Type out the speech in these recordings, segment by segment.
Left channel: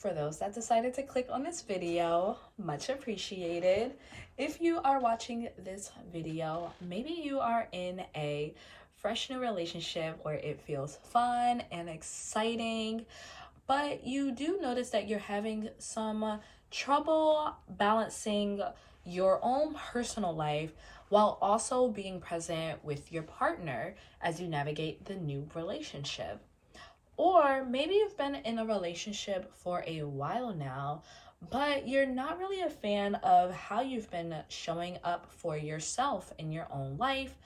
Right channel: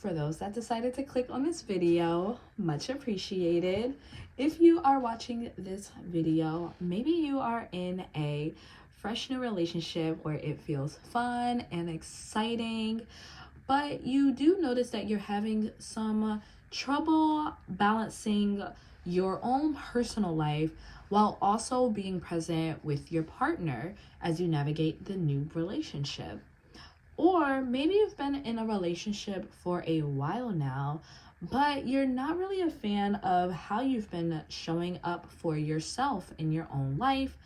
for those that decided to click on this video, much appreciated. If you are watching this video, maybe you are in a fresh new relationship where it feels fun and exciting, but you do notice that you're having some trouble balancing your own personal life while also being present with your partner as you navigate the new relationship. Or maybe you've been in a relationship for a while now, but you're not really a fan of how you've been showing up for yourself in your own life,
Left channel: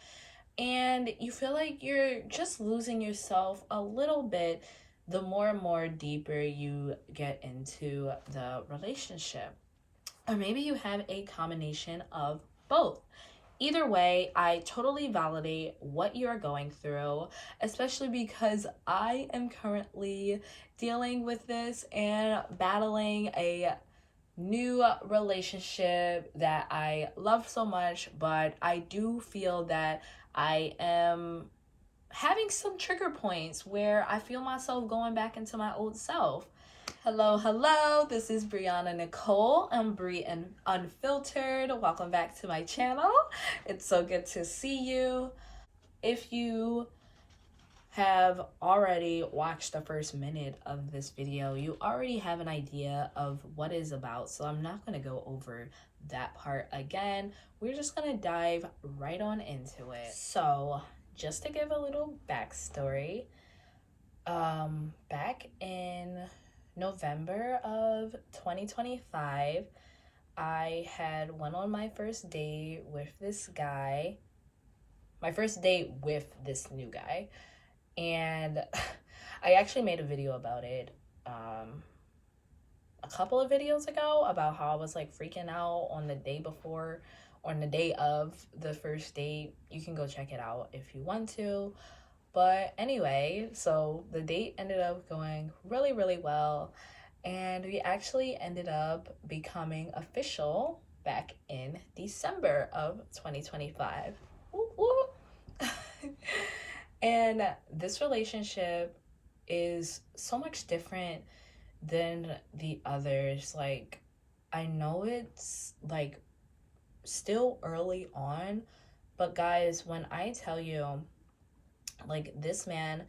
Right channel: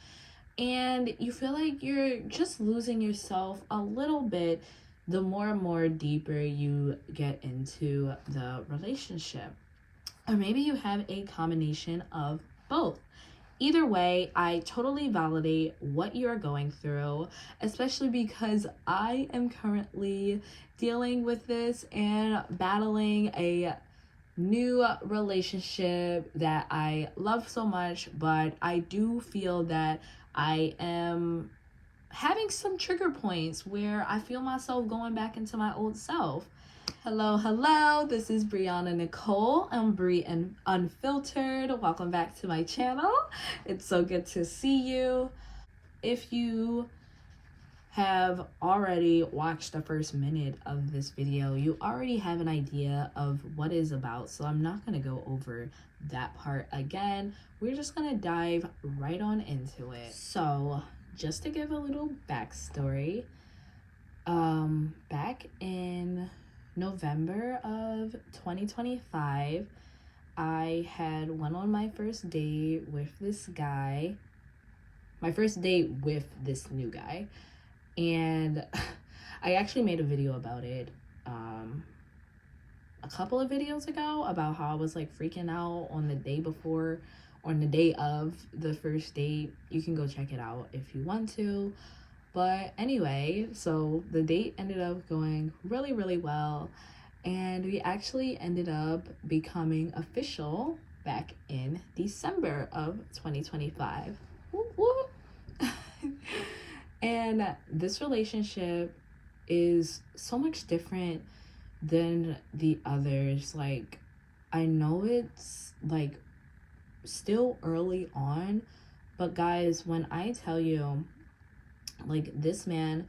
and you feel like you're just losing yourself a little bit the more and more deeper you get into the relationship. Or maybe you have a combination of both. Either way, I totally validate what you're going through, especially because I am currently dealing with this and battling a new relationship that I love so much, but I do feel that I am having some trigger points where I feel myself going back into my old self. Hello, this is Brianna Nicole. I'm Bri and Unfiltered. Welcome back to my channel. It's so good to see you. If you have already watched the first minute of this video, you already have an idea of what it's about, so I'm not going to go over that part again. We're just going to dive right on into it. So, just to give a little backstory, back in November of 2025, I had went on my first date with this guy. My first date with this new guy. And I actually made a video about it a couple of videos ago about how I was like freaking out on the day before, on the day of the first date. You can go check it out if you want to. But anyway, so the date ended up going really, really well. And we actually ended up becoming official back in December of 2025. Woo woo. And this relationship is so much different than the others. Like, I know it's like still early on, but guys, when I tell you, like, this man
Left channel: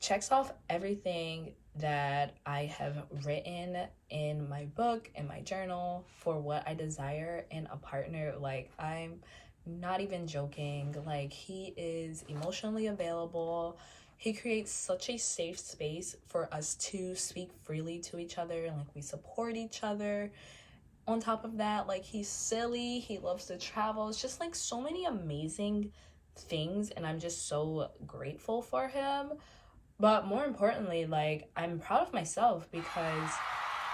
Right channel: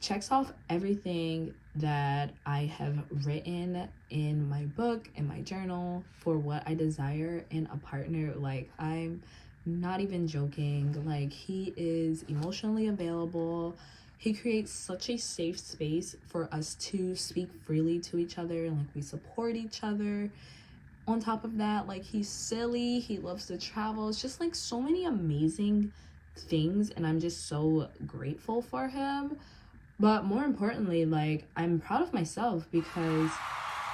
checks off everything that I have written in my book, in my journal, for what I desire in a partner. Like, I'm not even joking. Like, he is emotionally available. He creates such a safe space for us to speak freely to each other, and like, we support each other. On top of that, like, he's silly, he loves to travel. It's just like so many amazing things, and I'm just so grateful for him. But more importantly, like, I'm proud of myself because,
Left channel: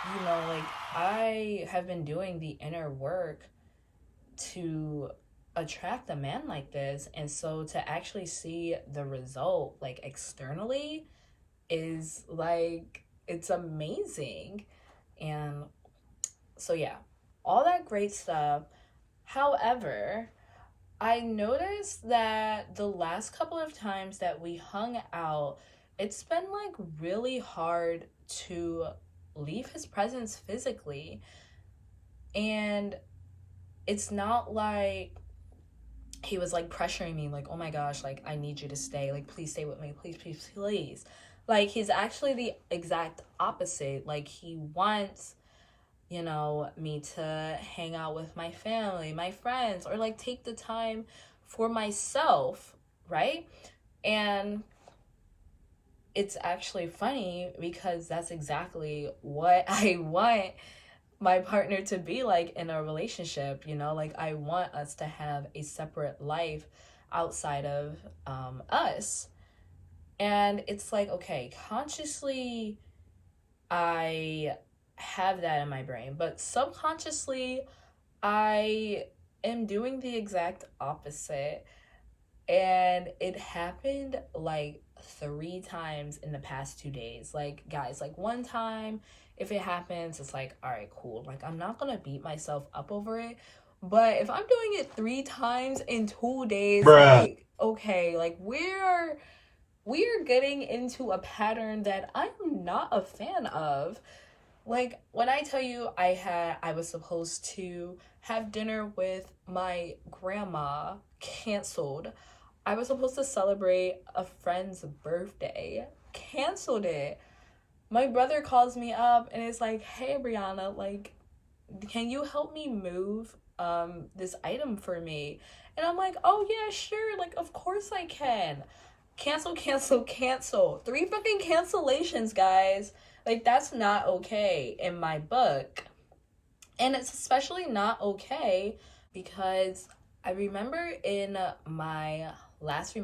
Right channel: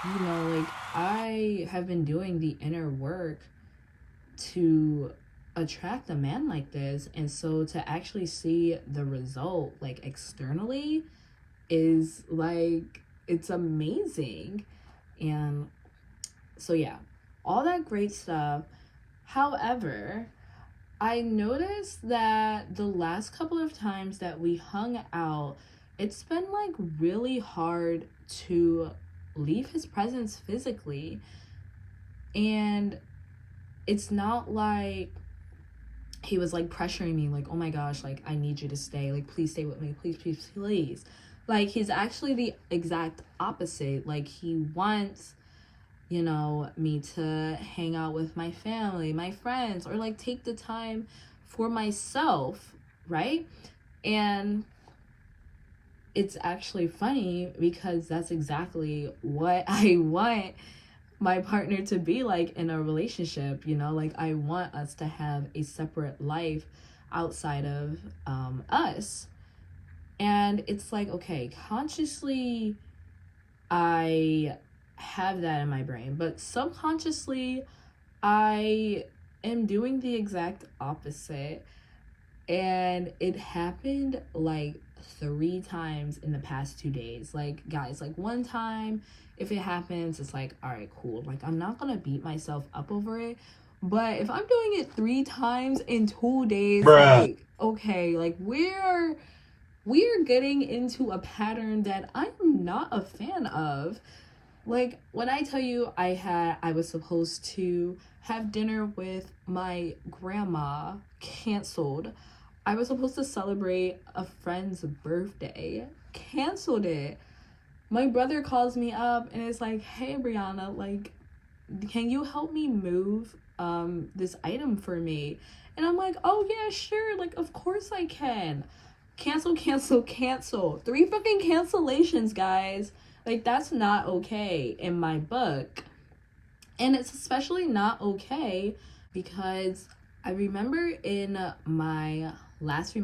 you know, like, I have been doing the inner work to attract a man like this, and so to actually see the result like externally is like, it's amazing. And so yeah, all that great stuff. However, I noticed that the last couple of times that we hung out, it's been like really hard to leave his presence physically. And it's not like he was like pressuring me, like, oh my gosh, like, I need you to stay, like, please stay with me, please, please, please. Like, he's actually the exact opposite. Like, he wants, you know, me to hang out with my family, my friends, or like take the time for myself, right? And it's actually funny because that's exactly what I want my partner to be like in a relationship. You know, like, I want us to have a separate life outside of us. And it's like, okay, consciously I have that in my brain, but subconsciously I am doing the exact opposite. And it happened like 3 times in the past 2 days. Like, guys, like, one time, if it happens, it's like, all right, cool. Like, I'm not gonna beat myself up over it. But if I'm doing it 3 times in 2 days, like, okay, like, we're getting into a pattern that I'm not a fan of. Like, when I tell you I was supposed to have dinner with my grandma, canceled. I was supposed to celebrate a friend's birthday, canceled it. My brother calls me up and is like, hey, Brianna, like, can you help me move this item for me? And I'm like, oh yeah, sure, like, of course I can. Cancel, cancel, cancel. 3 fucking cancellations, guys. Like, that's not okay in my book. And it's especially not okay because I remember in my last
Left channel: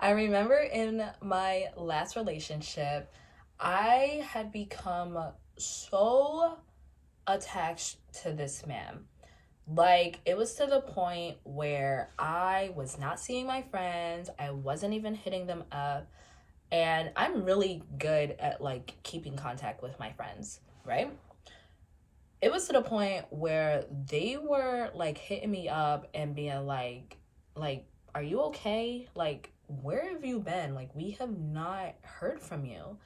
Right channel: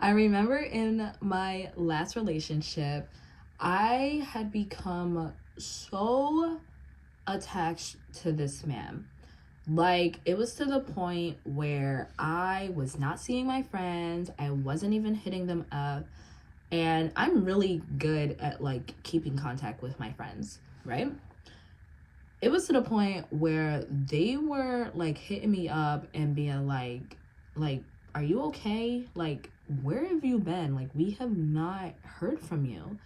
I remember in my last relationship, I had become so attached to this man. Like, it was to the point where I was not seeing my friends, I wasn't even hitting them up, and I'm really good at, like, keeping contact with my friends, right? It was to the point where they were, like, hitting me up and being like, are you okay? Like, where have you been? Like, we have not heard from you.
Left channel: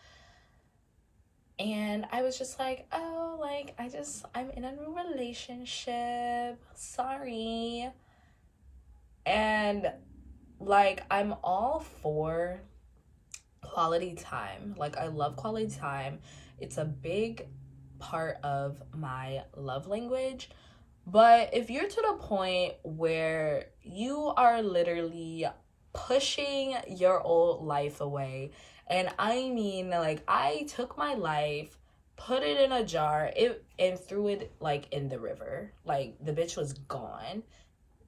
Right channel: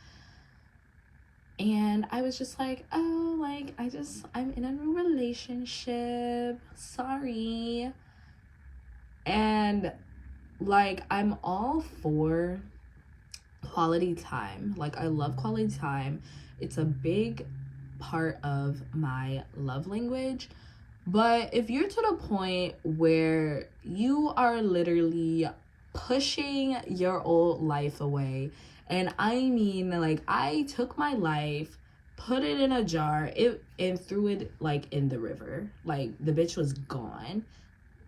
And I was just like, oh, like, I'm in a new relationship. Sorry. And, like, I'm all for quality time. Like, I love quality time. It's a big part of my love language. But if you're to the point where you are literally pushing your old life away, and I mean, like, I took my life, put it in a jar, and threw it, like, in the river. Like, the bitch was gone.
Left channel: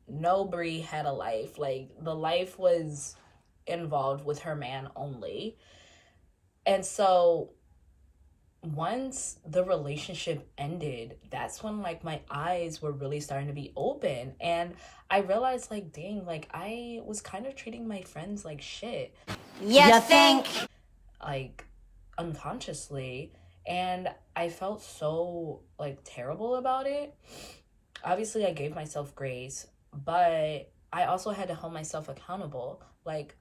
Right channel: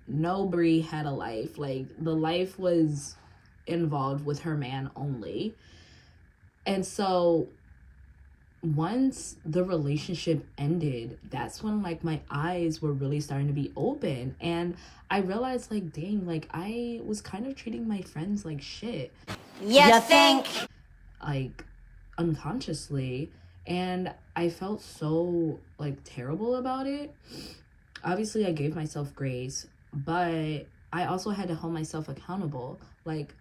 No Brie had a life. Like, the life was involved with her man only. And so once the relationship ended, that's when, like, my eyes were really starting to be open, and I realized, like, dang, like, I was kind of treating my friends like shit. You think? Like, unconsciously, and I felt so, like, terrible about it. Obviously, I gave myself grace, but I also had to hold myself accountable. Like,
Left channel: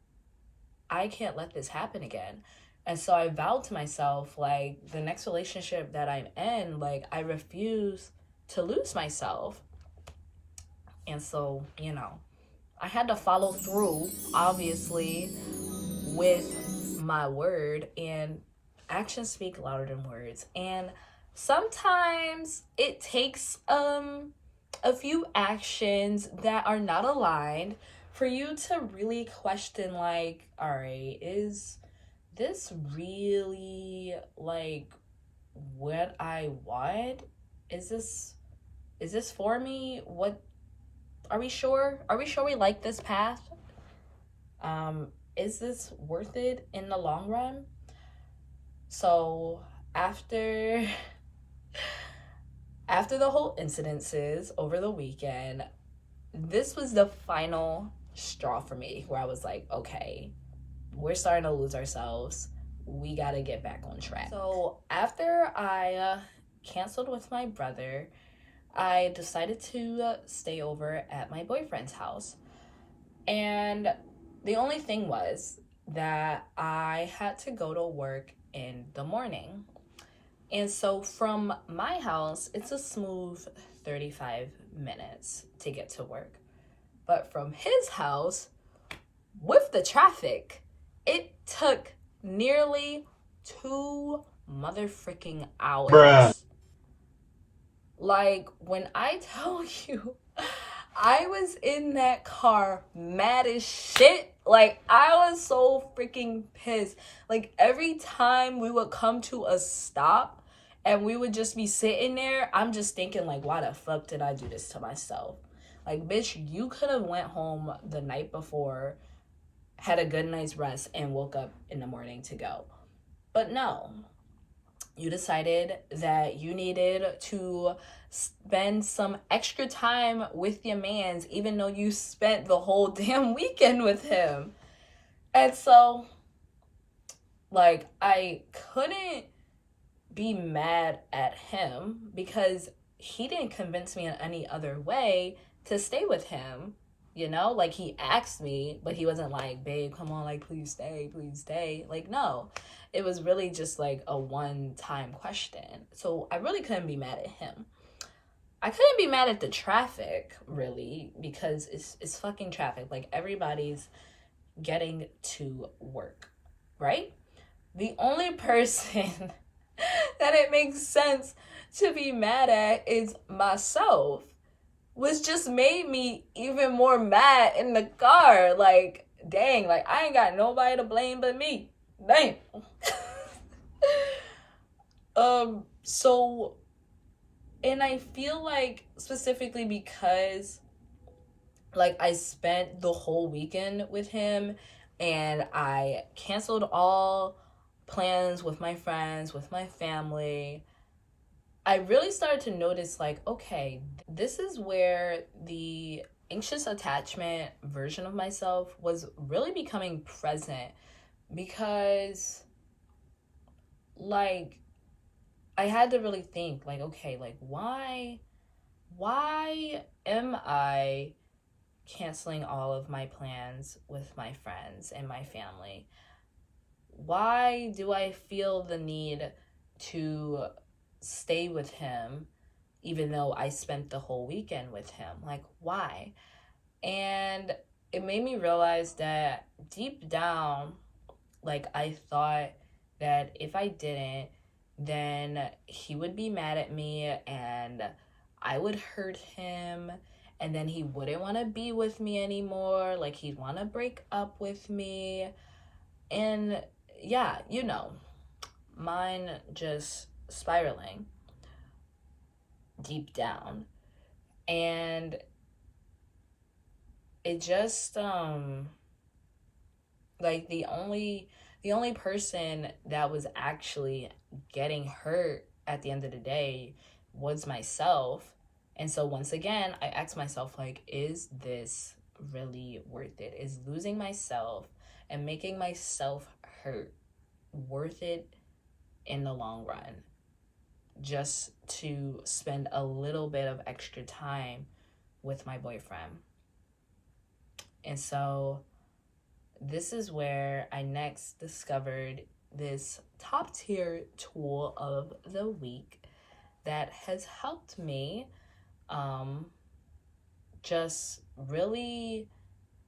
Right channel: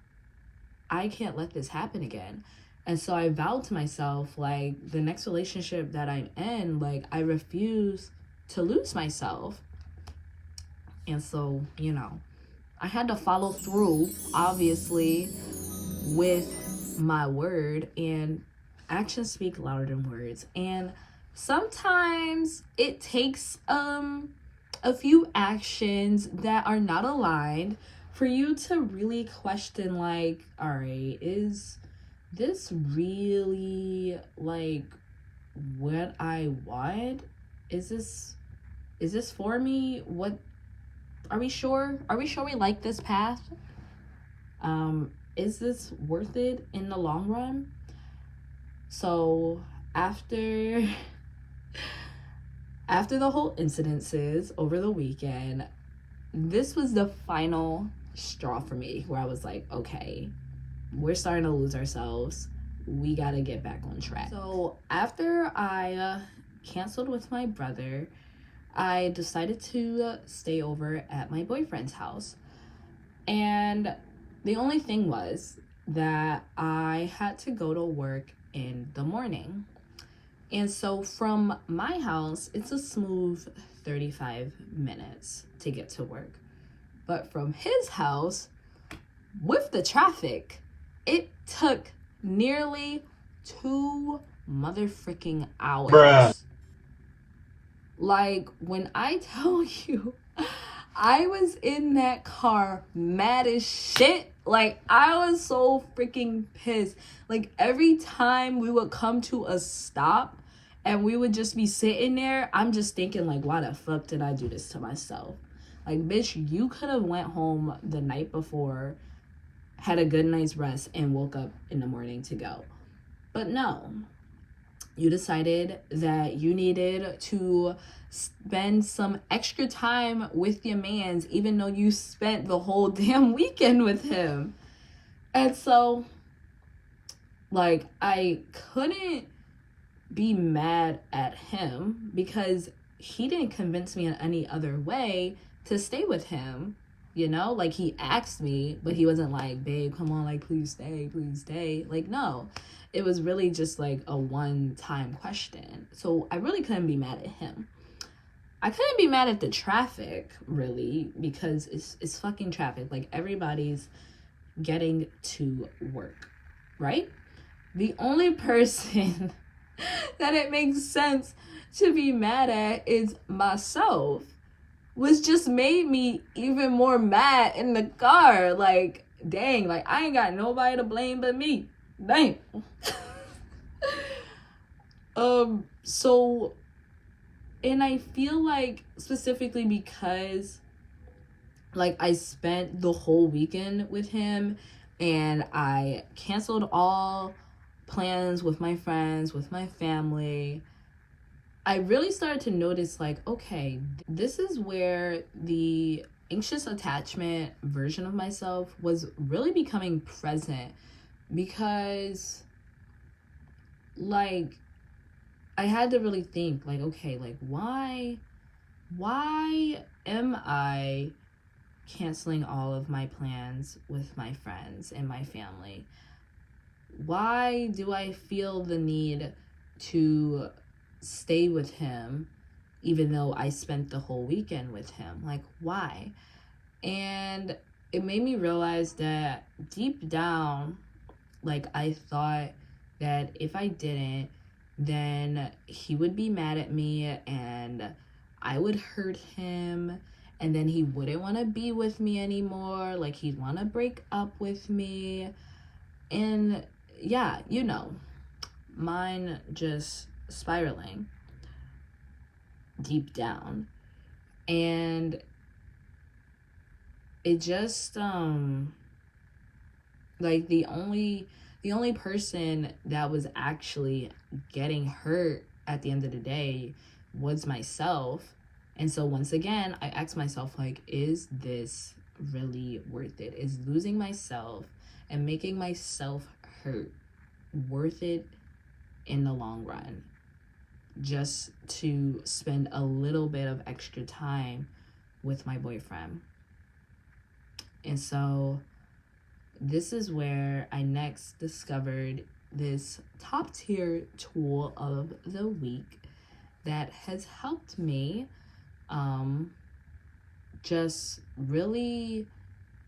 I can't let this happen again. And so I vowed to myself, like, the next relationship that I'm in, like, I refuse to lose myself. And so, you know, I had to follow through, obviously, with my word, and actions speak louder than words. And sometimes it takes a few actions that are not aligned for you to really question, like, all right, is this really, like, what I want? Is this for me? What are we sure? Are we sure we like this path? Is this worth it in the long run? So after the whole incidences over the weekend, this was the final straw for me where I was like, okay, we're starting to lose ourselves. We gotta get back on track. So after I canceled with my brother, I decided to stay over at my boyfriend's house. And the only thing was that I had to go to work in the morning. And so from my house, it's a smooth 35 minutes to get to work. But from his house, with the traffic, it took nearly 2 motherfucking hours. Bruh. Like, when I tell you, I was in that car mad as shit. Like, I was so freaking pissed. Like, every time we would come to a stop and we would just be sitting there, I'm just thinking, like, why the fuck did I do this to myself? Like, bitch, you could have went home the night before, had a good night's rest, and woke up in the morning to go. But no, you decided that you needed to spend some extra time with your mans, even though you spent the whole damn weekend with him. And so, like, I couldn't be mad at him because he didn't convince me in any other way to stay with him. you know? Like, he asked me, but he wasn't like, babe, come on, like, please stay. Like, no. It was really just like a one-time question. So I really couldn't be mad at him. I couldn't be mad at the traffic, really, because it's fucking traffic. Like, everybody's getting to work, right? The only person that it makes sense to be mad at is myself, which just made me even more mad in the car. Like, dang, like, I ain't got nobody to blame but me. Dang. So, and I feel like specifically because, like, I spent the whole weekend with him and I canceled all plans with my friends, with my family, I really started to notice, like, okay, this is where the anxious attachment version of myself was really becoming present, because, like, I had to really think, like, okay, like, why am I canceling all of my plans with my friends and my family? Why do I feel the need to stay with him even though I spent the whole weekend with him? Like, why? And it made me realize that deep down, like, I thought that if I didn't, then he would be mad at me and I would hurt him, and then he wouldn't want to be with me anymore. Like, he'd want to break up with me. And yeah, you know, mine just spiraling deep down. And it just like, the only person that was actually getting hurt at the end of the day was myself. And so once again, I asked myself, like, is this really worth it? Is losing myself and making myself hurt worth it in the long run, just to spend a little bit of extra time with my boyfriend? And so this is where I next discovered this top tier tool of the week that has helped me just really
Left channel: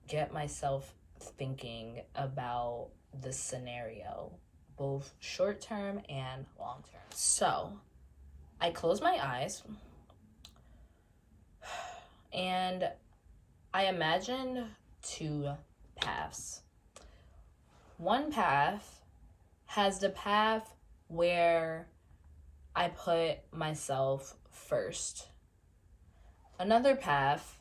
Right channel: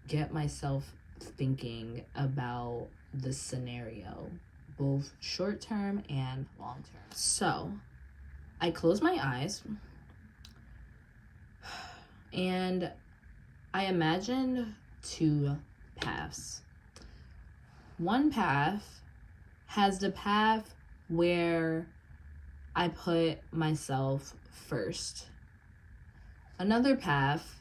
get myself thinking about the scenario, both short term and long term. So I close my eyes and I imagine two paths. One path has the path where I put myself first. Another path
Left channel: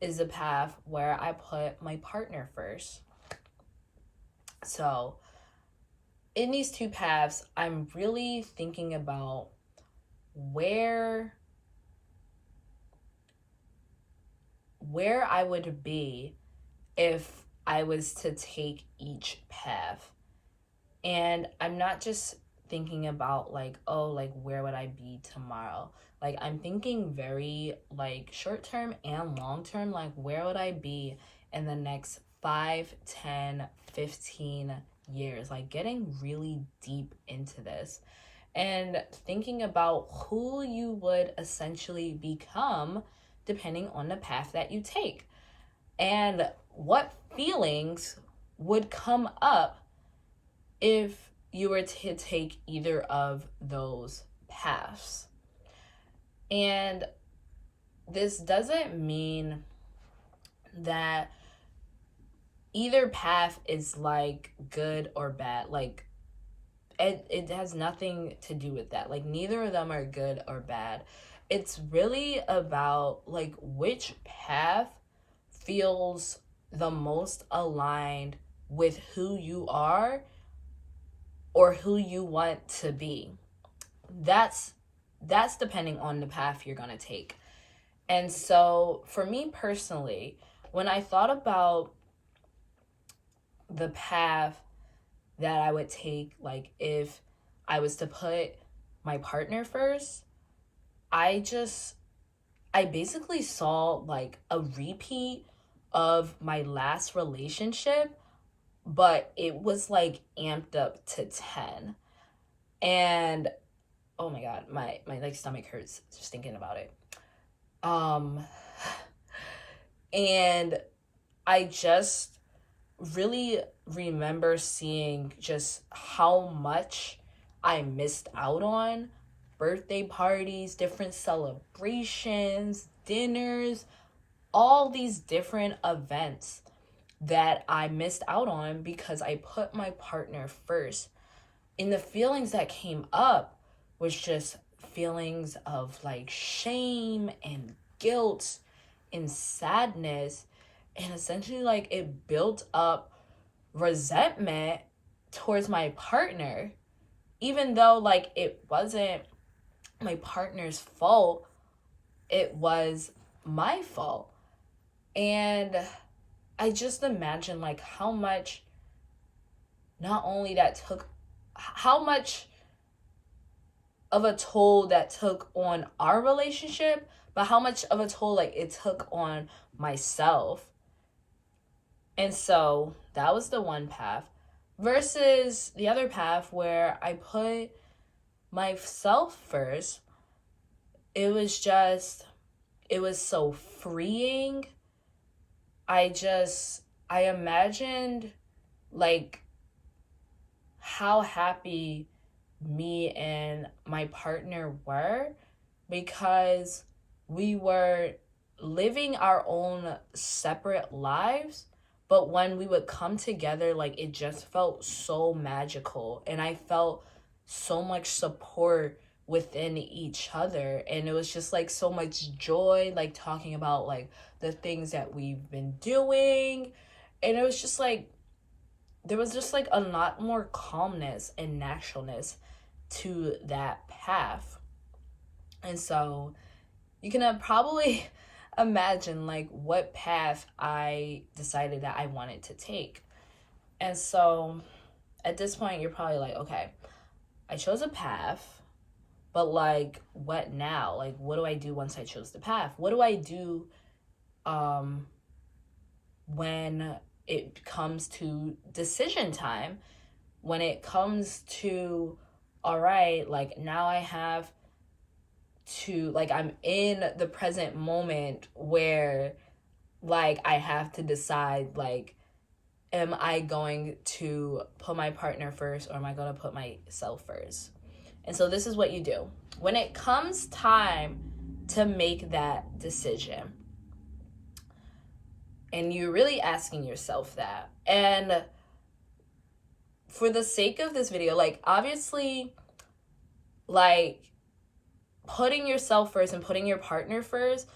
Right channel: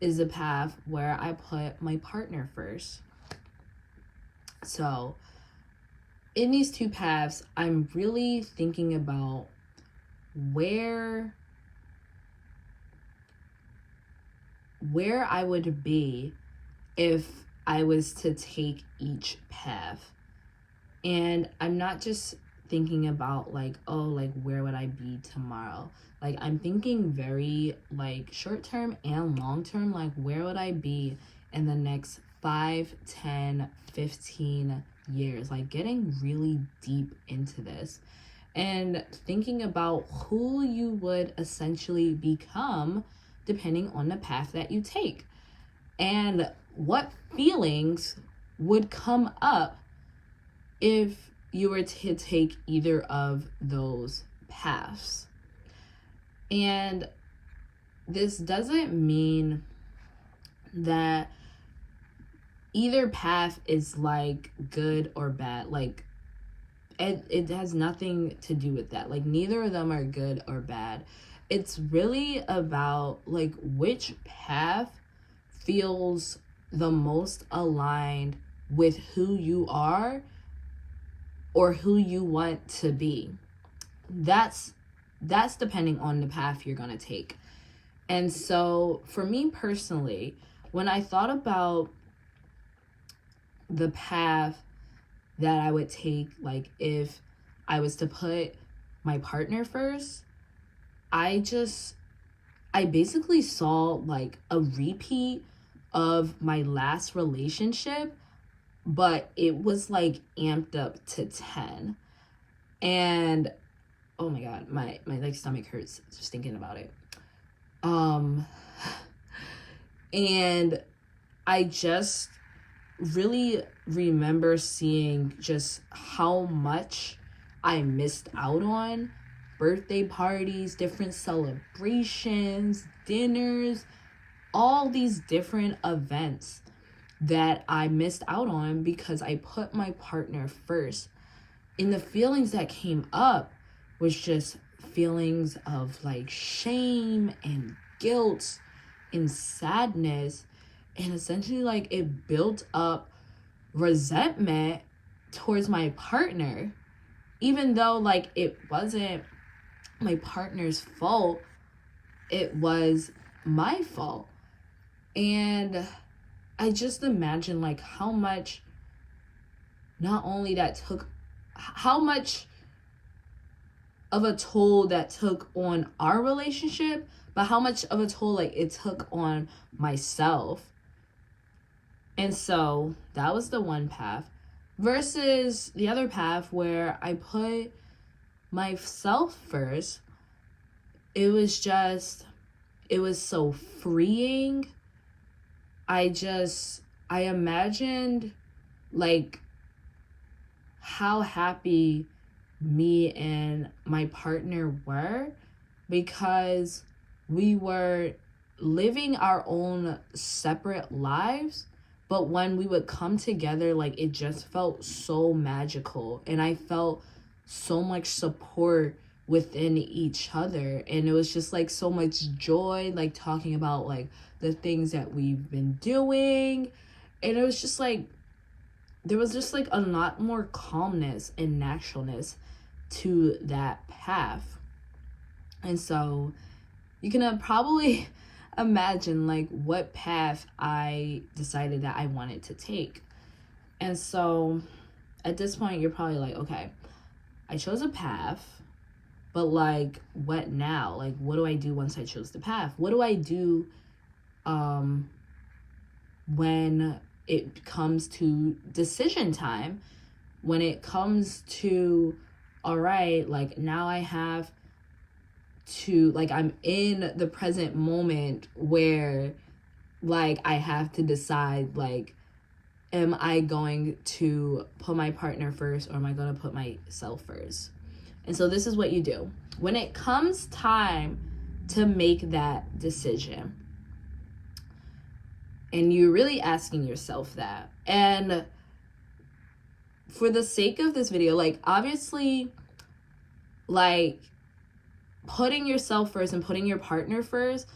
is the path where I put my partner first. So in these two paths, I'm really thinking about where I would be if I was to take each path. And I'm not just thinking about, like, oh, like, where would I be tomorrow? Like, I'm thinking very, like, short term and long term. Like, where would I be in the next 5, 10, 15 years? Like, getting really deep into this and thinking about who you would essentially become depending on the path that you take, and what feelings would come up if you were to take either of those paths. And this doesn't mean that either path is, like, good or bad. Like, it has nothing to do with that. Like, neither of them are good or bad. It's really about, like, which path feels the most aligned with who you are or who you want to be. That's depending on the path you're going to take. And so for me personally, when I thought about the path that I would take, like, if I was to put my partner first, I basically saw, like, a repeat of my last relationship, but it was like amped up to 10. And oh my god, my like stomach hurts just thinking about it. And I just really remember seeing just how much I missed out on birthday parties, different celebrations, dinners, all these different events that I missed out on because I put my partner first. And the feelings that came up was just feelings of like shame and guilt and sadness, and essentially like it built up resentment towards my partner, even though like it wasn't my partner's fault, it was my fault. And I just imagine like how much not only that took, how much of a toll that took on our relationship, but how much of a toll like it took on myself. And so that was the one path versus the other path where I put myself first. It was so freeing. I imagined like how happy me and my partner were, because we were living our own separate lives, but when we would come together, like it just felt so magical, and I felt so much support within each other, and it was just like so much joy, like talking about like the things that we've been doing, and it was just like there was just like a lot more calmness and naturalness to that path. And so you can probably imagine like what path I decided that I wanted to take. And so at this point you're probably like, okay, I chose a path, but like what now? Like what do I do once I chose the path? What do I do when it comes to decision time? When it comes to, all right, like now I have to, like I'm in the present moment where like I have to decide, like am I going to put my partner first, or am I going to put myself first? And so this is what you do when it comes time to make that decision, and you're really asking yourself that. And for the sake of this video, like obviously like putting yourself first and putting your partner first,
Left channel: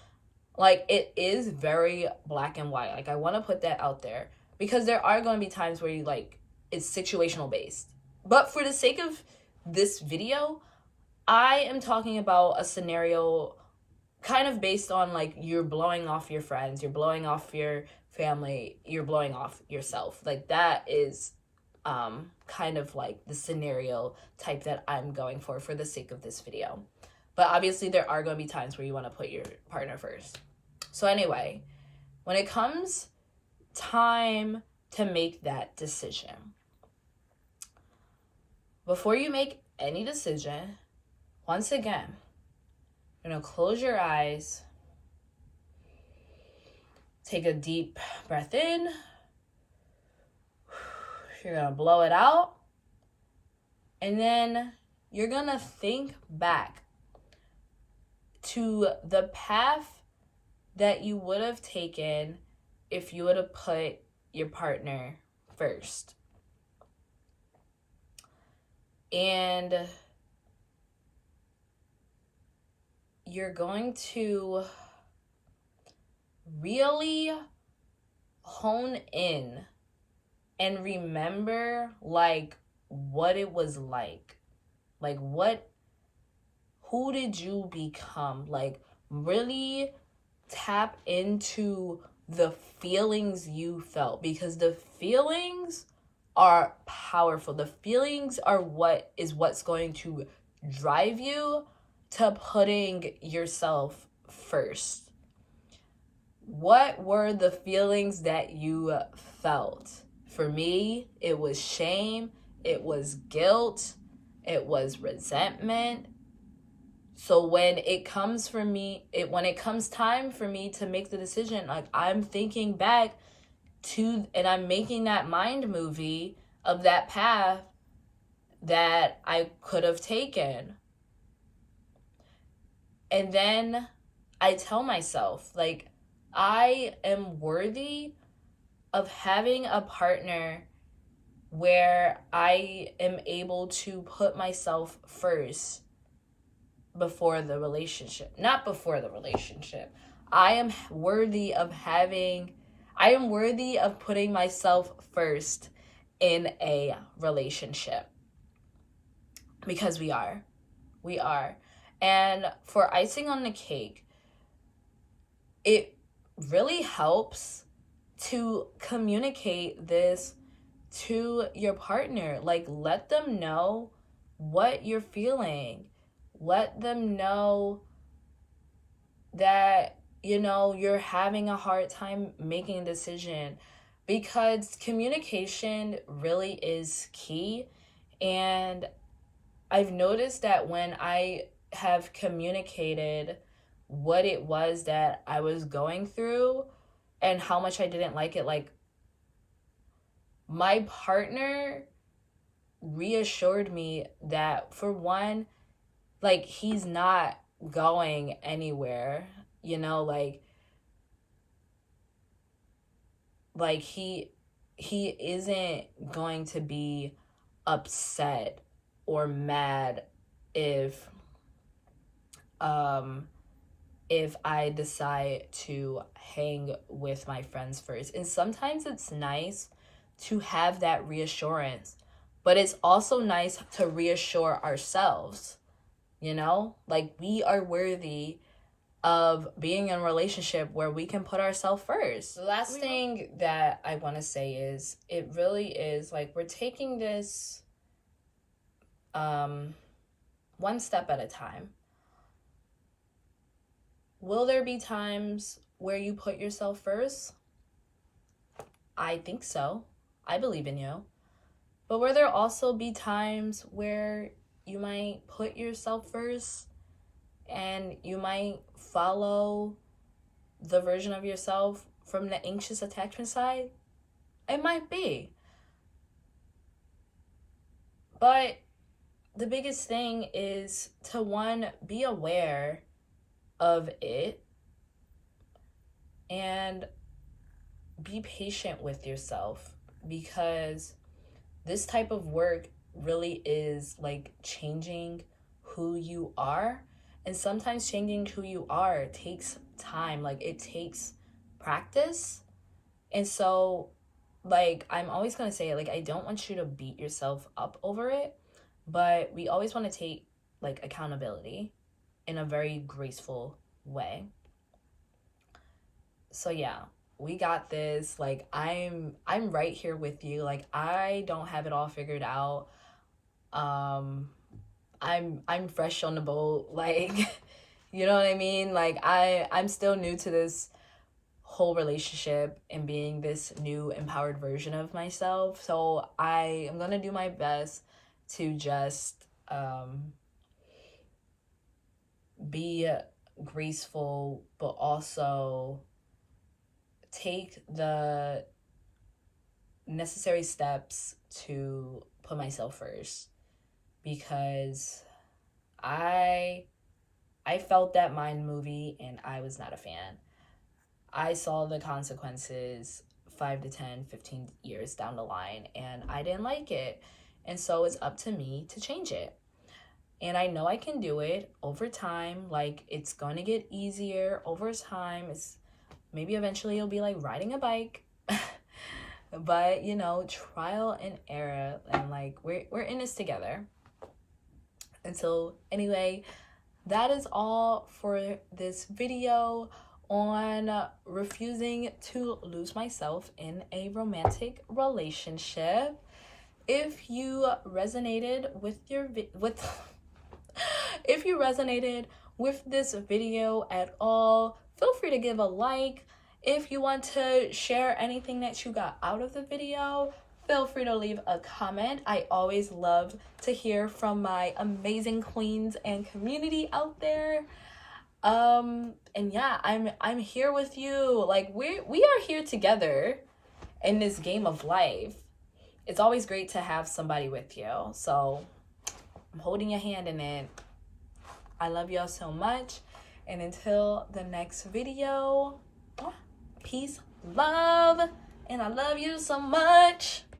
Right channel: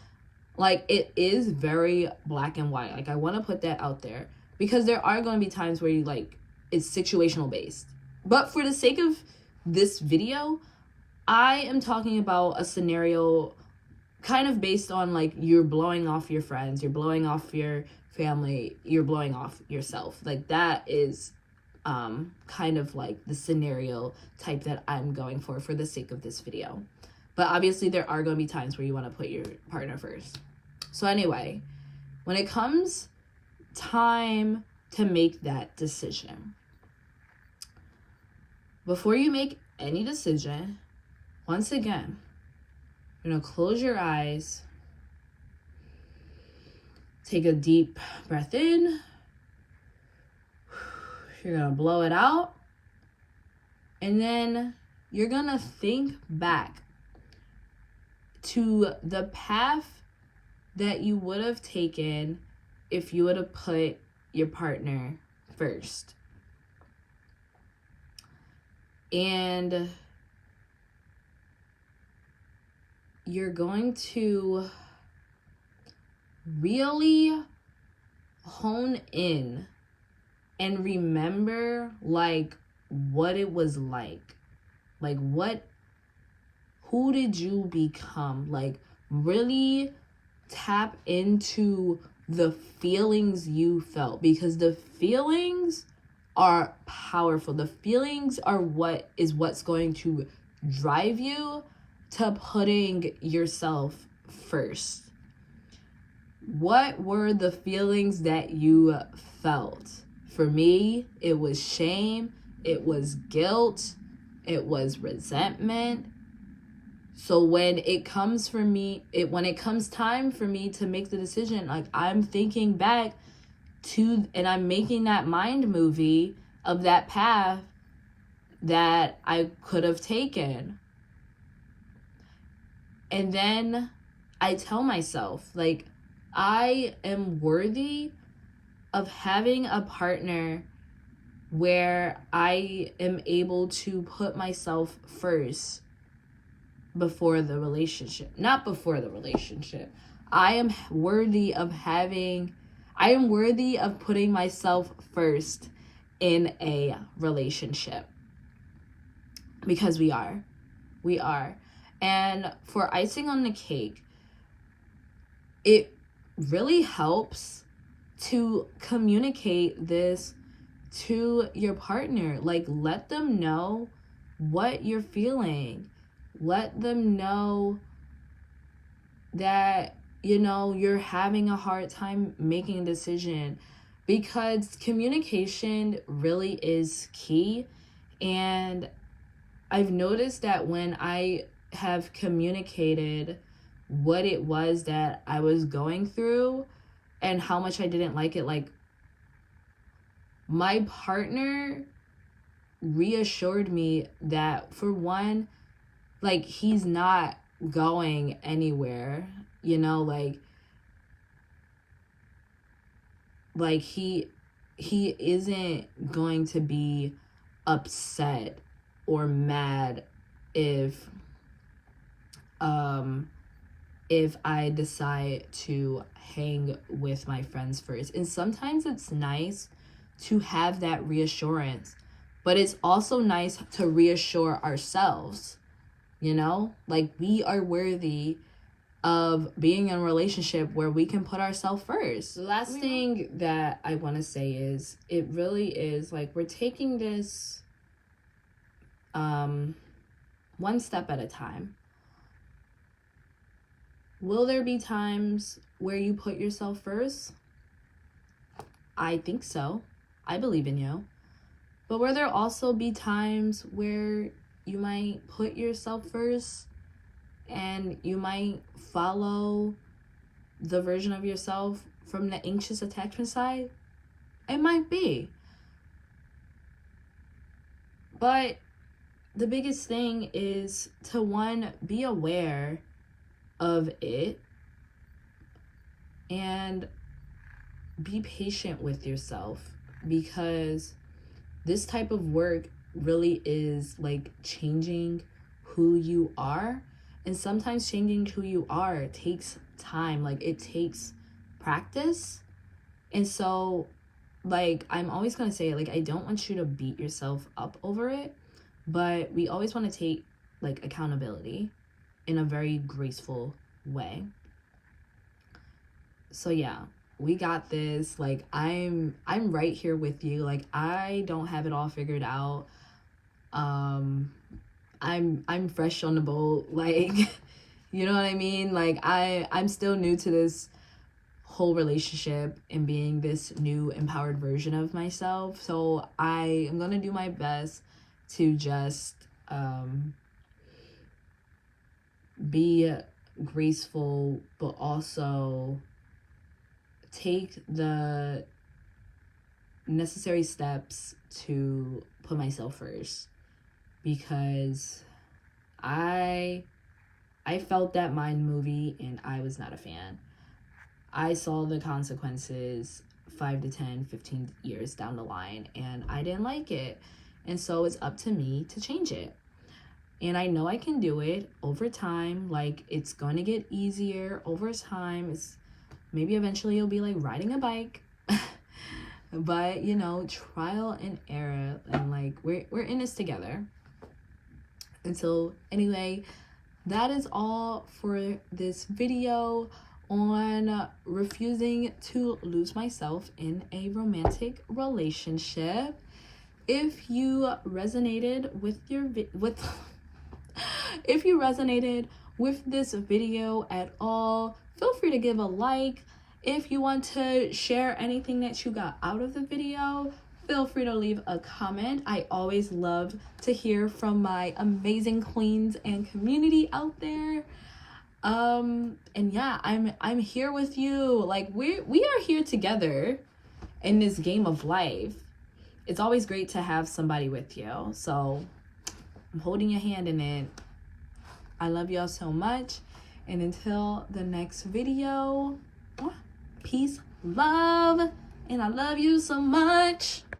like it is very black and white. Like I want to put that out there, because there are going to be times where you like it's situational based. But for the sake of this video, I am talking about a scenario kind of based on like you're blowing off your friends, you're blowing off your family, you're blowing off yourself. Like that is kind of like the scenario type that I'm going for the sake of this video. But obviously there are going to be times where you want to put your partner first. So anyway, when it comes time to make that decision, before you make any decision, once again, you're going to close your eyes, take a deep breath in, you're going to blow it out, and then you're going to think back to the path that you would have taken if you would have put your partner first. And you're going to really hone in and remember like what it was like who did you become? Like really tap into the feelings you felt, because the feelings are powerful. The feelings are what's going to drive you to putting yourself first. what were the feelings that you felt? For me, it was shame, it was guilt, it was resentment. So when it comes time for me to make the decision, like I'm thinking back to, and I'm making that mind movie of that path that I could have taken. And then I tell myself, like, I am worthy of having a partner where I am able to put myself first before the relationship. Not before the relationship. I am worthy of putting myself first in a relationship. Because we are. And for icing on the cake, it really helps to communicate this to your partner. Like, let them know what you're feeling. Let them know that, you're having a hard time making a decision, because communication really is key. And I've noticed that when I have communicated what it was that I was going through and how much I didn't like it, like, my partner reassured me that, for one, like, he's not going anywhere, like he isn't going to be upset or mad if I decide to hang with my friends first. And sometimes it's nice to have that reassurance, but it's also nice to reassure ourselves, like, we are worthy of being in a relationship where we can put ourselves first. The last thing that I want to say is, it really is like, we're taking this one step at a time. Will there be times where you put yourself first? I think so. I believe in you. But will there also be times where you might put yourself first and you might follow the version of yourself from the anxious attachment side? It might be. But the biggest thing is to, one, be aware of it and be patient with yourself, because this type of work really is like changing who you are. And sometimes changing who you are takes time, like it takes practice. And so, like, I'm always going to say, like, I don't want you to beat yourself up over it, but we always want to take like accountability in a very graceful way. So yeah, we got this. Like, I'm right here with you. Like, I don't have it all figured out. I'm fresh on the boat, like, you know what I mean? Like, I'm still new to this whole relationship and being this new empowered version of myself. So I am gonna do my best to just be graceful, but also take the necessary steps to put myself first, because I felt that mind movie and I was not a fan. I saw the consequences 5 to 10, 15 years down the line, and I didn't like it. And so it's up to me to change it. And I know I can do it over time. Like, it's going to get easier over time. It's maybe eventually it'll be like riding a bike. But, trial and error, and like we're in this together. And so anyway, that is all for this video on refusing to lose myself in a romantic relationship. If you resonated with if you resonated with this video at all, feel free to give a like If you want to share anything that you got out of the video, feel free to leave a comment. I always love to hear from my amazing queens and community out there. And yeah, I'm here with you. Like we are here together in this game of life. It's always great to have somebody with you. So I'm holding your hand in it. I love y'all so much. And until the next video, peace, love, and I love you so much.